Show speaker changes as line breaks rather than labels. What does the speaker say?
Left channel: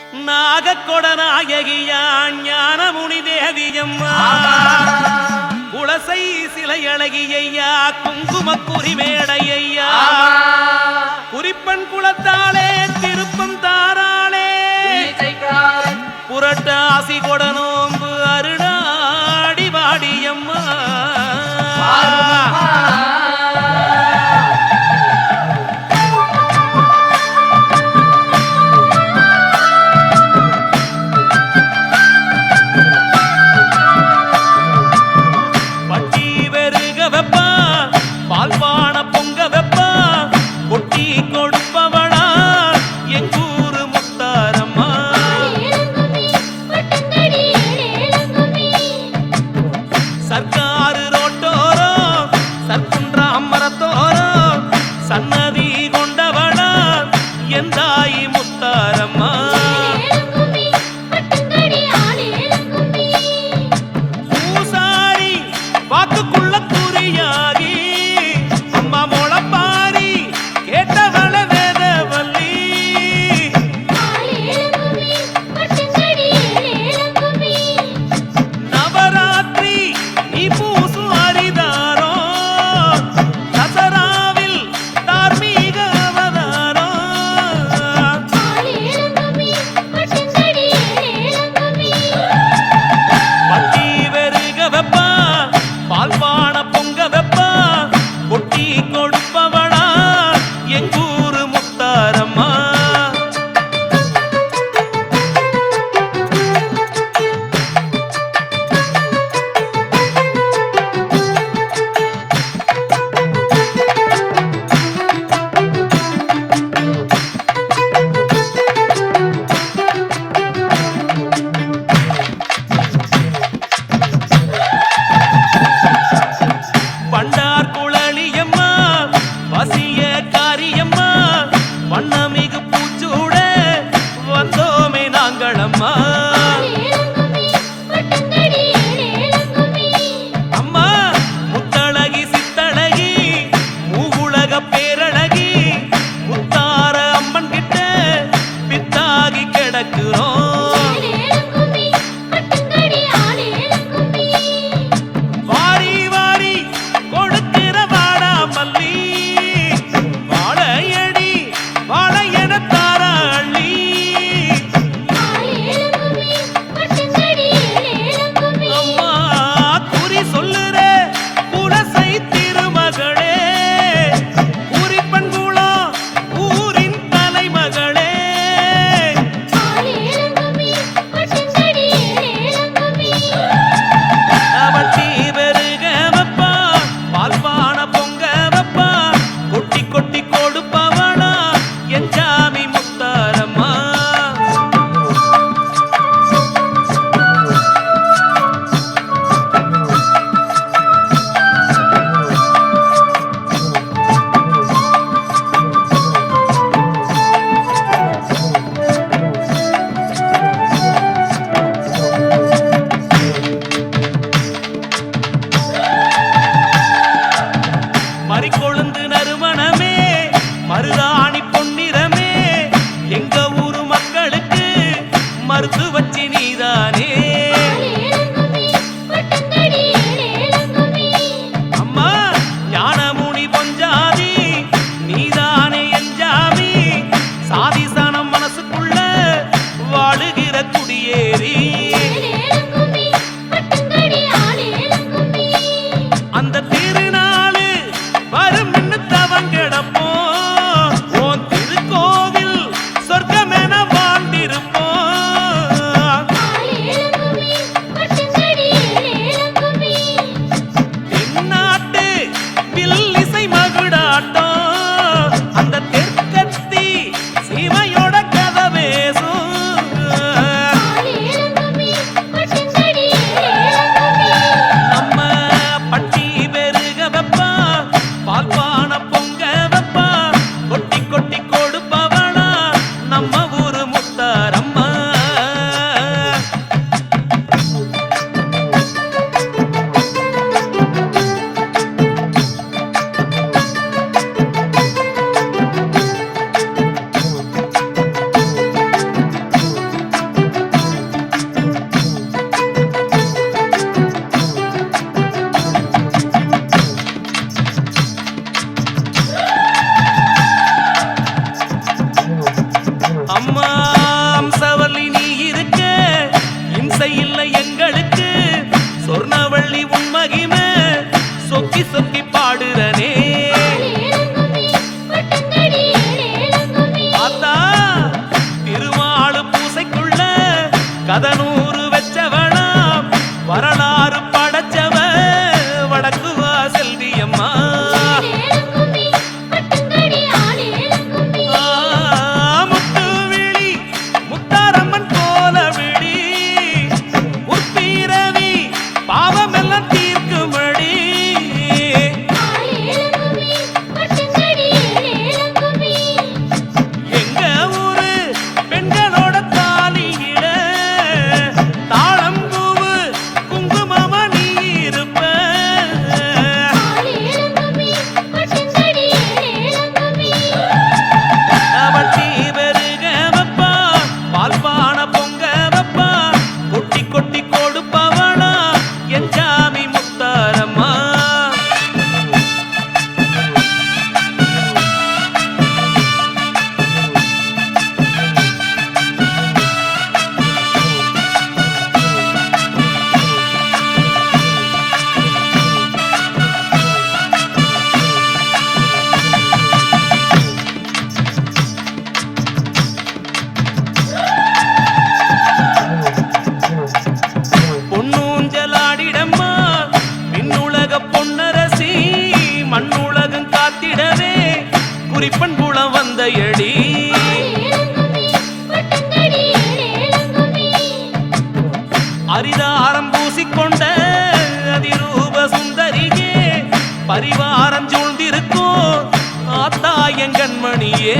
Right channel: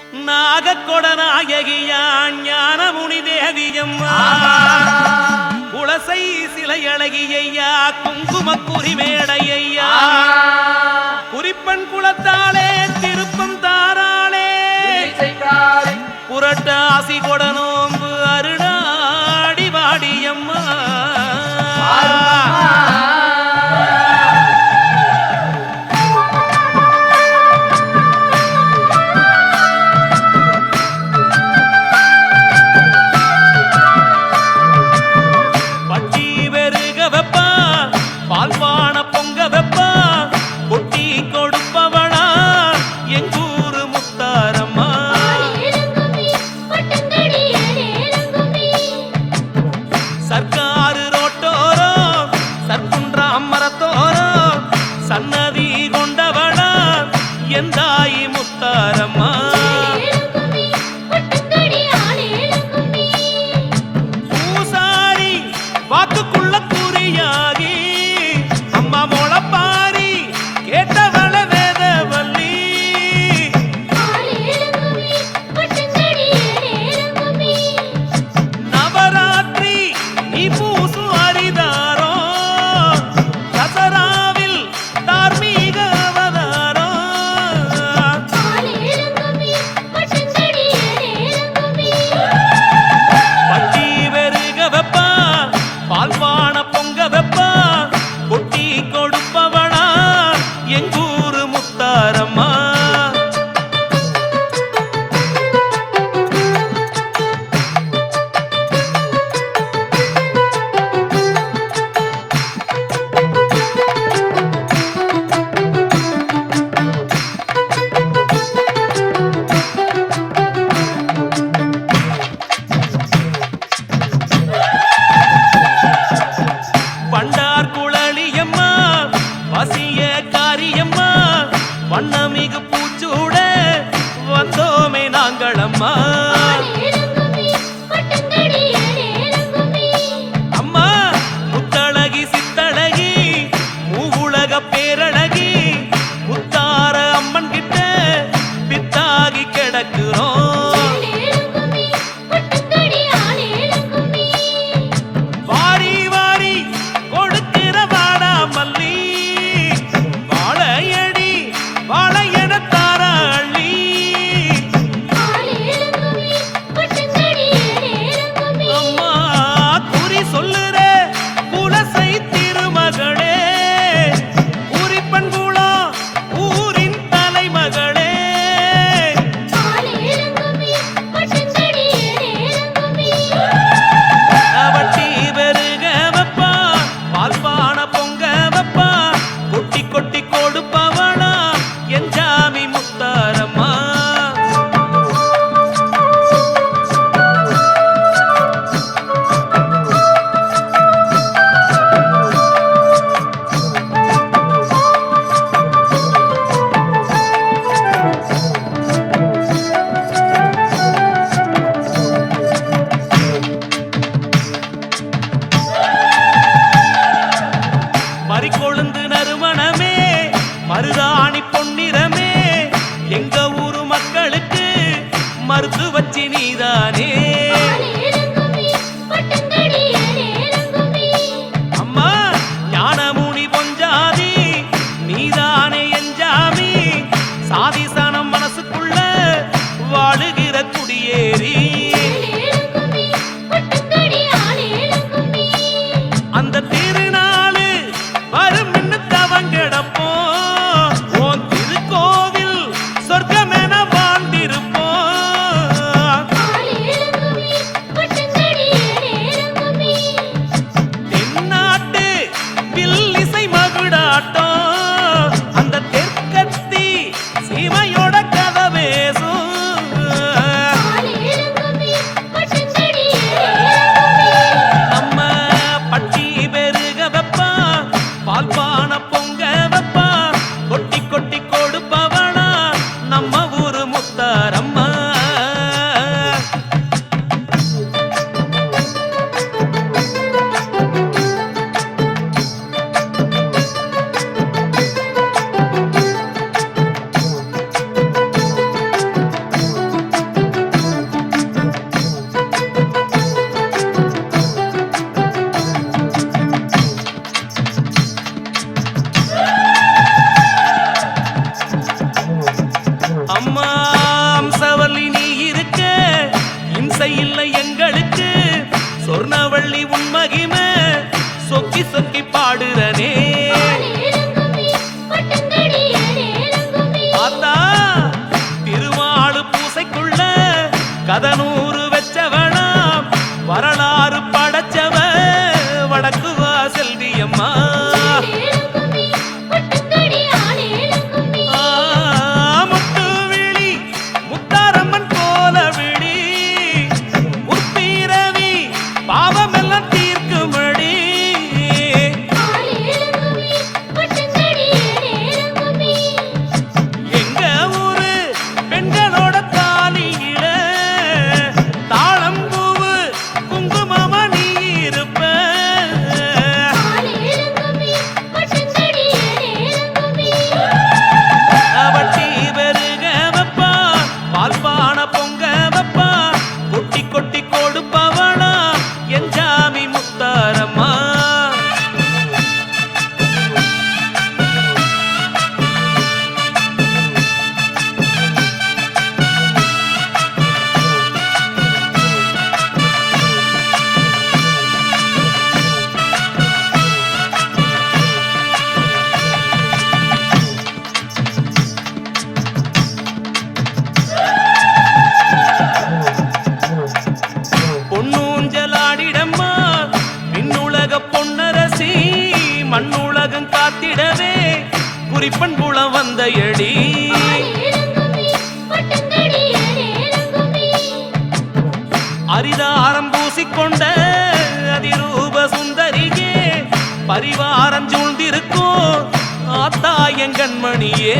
நாகக்கொடநாயகியான் ஞானமுனி தேவியம்மா. குளசை சிலையழகியையா குங்குமக்குறி மேடையையா. குறிப்பன் குளத்தாலே திருப்பம் தாராளே. புரட்டாசி கொடனோ ராணி பொன்னிறமே எங்க ஊரு மக்களுக்கு மருத்துவச்சி நீதானே. அம்மா ஞானமுனி பொஞ்சாதி நீதானே என் சாதி Sorca. ஆசை இல்லை எங்களுக்கு. சொர்ணவள்ளி உன் மகிமை. சொக்கி சொக்கி பாடுறனே. মুক্তার মা மண்ணுலகம் காத்திடவே குறிப்பன் குளம் வந்த எடி அரிதாரம் பூசிக்கொண்ட அதிரூப சுந்தரியே பரிவாரம் சூழ்ந்திருக்கோ ஆத்தா எங்கண்மணியே